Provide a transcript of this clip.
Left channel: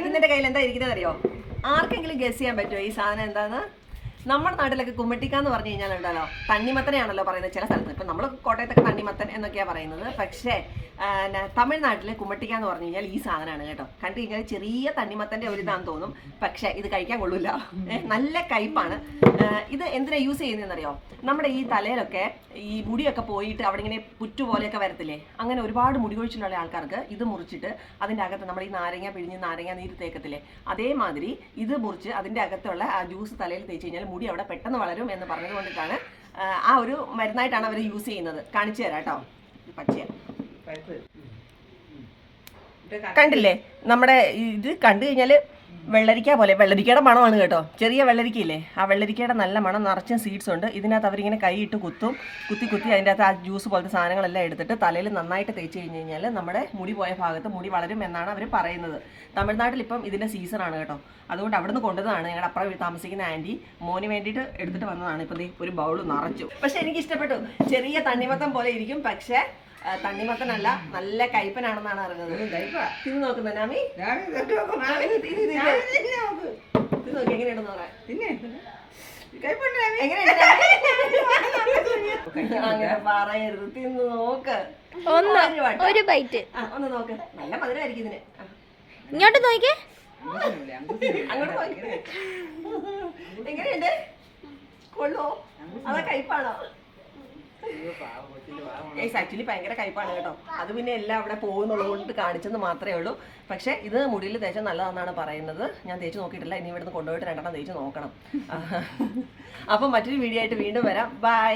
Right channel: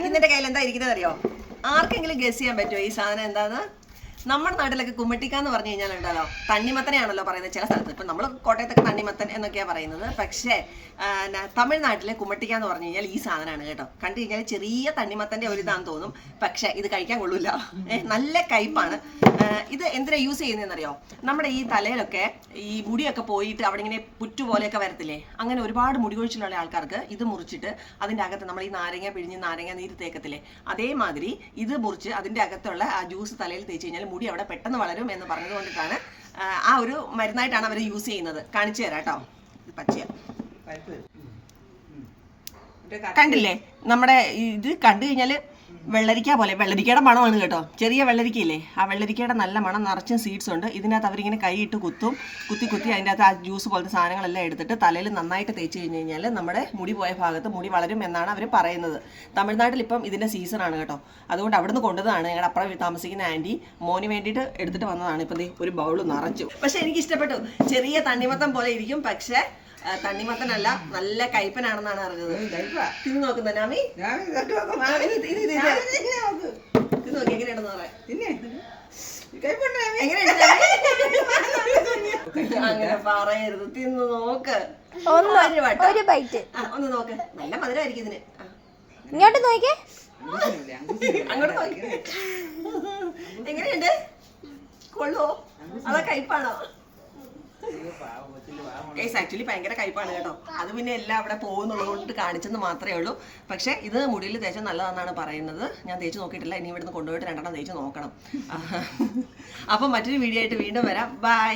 ഇതിന്റെ കയ്യിൽ എന്താ ഇരിക്കുന്നത് അറിയോ? ആർക്കെങ്കിലും ഗസ് ചെയ്യാൻ പറ്റുമോ ഈ സാധനം എന്താന്ന്? നമ്മുടെ നാട്ടിലൊക്കെ കുമ്മട്ടിക്ക എന്ന് പറഞ്ഞു കഴിഞ്ഞാൽ ഉണ്ടല്ലോ, തണ്ണിമത്തനെയാണല്ലോ പറയുന്നത് ചില സ്ഥലത്ത്. ഇപ്പം നമ്മൾ കോട്ടയത്തൊക്കെ തണ്ണിമത്തൻ എന്നൊക്കെയാണ് പറയുന്നത്. പക്ഷേ തമിഴ്നാട്ടിലെ കുമ്മട്ടിക്ക എന്ന് പറഞ്ഞു കഴിഞ്ഞാൽ ഈ സാധനമാണ് കേട്ടോ. കണ്ടു കഴിഞ്ഞാൽ ചെറിയ തണ്ണിമത്തൻ്റെ ഒരു ഇതാന്ന് തോന്നും, പക്ഷേ ഇത് കഴിക്കാൻ കൊള്ളൂല. നല്ല കയ്പാണ്. ഇത് എന്തിനാ യൂസ് ചെയ്യുന്നതെന്നറിയോ? നമ്മുടെ ഈ തലയിലൊക്കെ ഈ മുടിയൊക്കെ പോയിട്ട് അവിടെ ഇങ്ങനെ പുറ്റുപോലെയൊക്കെ വരത്തില്ലേ, അങ്ങനെ ഒരുപാട് മുടി കൊഴിച്ചിലുള്ള ആൾക്കാർക്ക് ഇത് മുറിച്ചിട്ട് അതിൻ്റെ അകത്ത് നമ്മൾ ഈ നാരങ്ങ പിഴിഞ്ഞ് നാരങ്ങ നീര് തേക്കത്തില്ലേ, അതേമാതിരി ഇത് മുറിച്ച് അതിൻ്റെ അകത്തുള്ള ആ ജ്യൂസ് തലയിൽ തേച്ച് കഴിഞ്ഞാൽ മുടി അവിടെ പെട്ടെന്ന് വളരും എന്ന് പറഞ്ഞത് കൊണ്ടിട്ടാണ് ആ ഒരു മരുന്നായിട്ടാണ് അവർ യൂസ് ചെയ്യുന്നത്. കാണിച്ചു തരാം കേട്ടോ. പച്ചയ കണ്ടില്ലേ, നമ്മുടെ ഇത് കണ്ടു കഴിഞ്ഞാൽ വെള്ളരിക്ക പോലെ, വെള്ളരിക്കയുടെ മണമാണ് കേട്ടോ. ചെറിയ വെള്ളരിക്കയില്ലേ, ആ വെള്ളരിക്കയുടെ നല്ല മണം, നിറച്ചും സീഡ്സ് ഉണ്ട്. ഇതിനകത്ത് അവരിങ്ങനെ കൈയിട്ട് കുത്തി അതിൻ്റെ അകത്ത് ആ ജ്യൂസ് പോലത്തെ സാധനങ്ങളെല്ലാം എടുത്തിട്ട് തലയിൽ നന്നായിട്ട് തേച്ച് കഴിഞ്ഞ് കഴിഞ്ഞാൽ നമ്മുടെ മുടി പോയ ഭാഗത്ത് മുടി വളരും എന്നാണ് അവർ പറയുന്നത്. തമിഴ്നാട്ടിൽ ഇപ്പം ഇതിൻ്റെ സീസണാണ് കേട്ടോ. അതുകൊണ്ട് അവിടുന്ന് കൊണ്ടതാണ്. ഞങ്ങളുടെ അപ്പുറം താമസിക്കുന്ന ആൻറ്റി മോന് വേണ്ടിയിട്ട് എടുത്തിട്ട് വന്നതാണ്. ഇപ്പം ഒരു ബൗൾ നിറച്ചു. പക്ഷെ എനിക്ക് ഇഷ്ടപ്പെട്ടു. ചെറിയ തണ്ണിമത്തം പോലെ ഇരിക്കും, പക്ഷേ തണ്ണിമത്തനല്ല, നല്ല കയ്പനാണെന്നാണ് അറിഞ്ഞത്. തിന്ന് നോക്കുന്ന നാമി, ഇത് നോക്കി എങ്ങനെയുണ്ടെന്ന് പറയാം. അങ്ങനെ പറയരുത്, തിന്ന് നോക്ക്. ഒന്ന് നോക്ക്, നല്ല മധുരമായിരിക്കും ഇതിന്. ഇങ്ങോട്ട് നോക്കിയേ, അങ്ങോട്ട് നോക്കി. എങ്ങനെയുണ്ട്? കൊള്ളോ അതാ കയ്പാണോ? ആക്ച്വലി ഭയങ്കര കയ്പാണ് കേട്ടോ. അത് പിന്നെ എല്ലാം അവിടെ പോകുന്നുള്ളത് കൊണ്ട് കാണിച്ചെന്ന് മാത്രമേ ഉള്ളൂ. പക്ഷേ ഇത് മുടിയിൽ തേച്ചാൽ നല്ലതാണെന്നാണ് പറയുന്നത്. ഞാൻ തേച്ച് നോക്കിയിട്ടില്ല. ഇനി ഇവിടുന്ന് കൊണ്ടുപോയിട്ട് 2 തേച്ച് നോക്കണം. അപ്പം മറ്റൊരു വീഡിയോ ആയിട്ട് വീണ്ടും വരാം. ബൈ.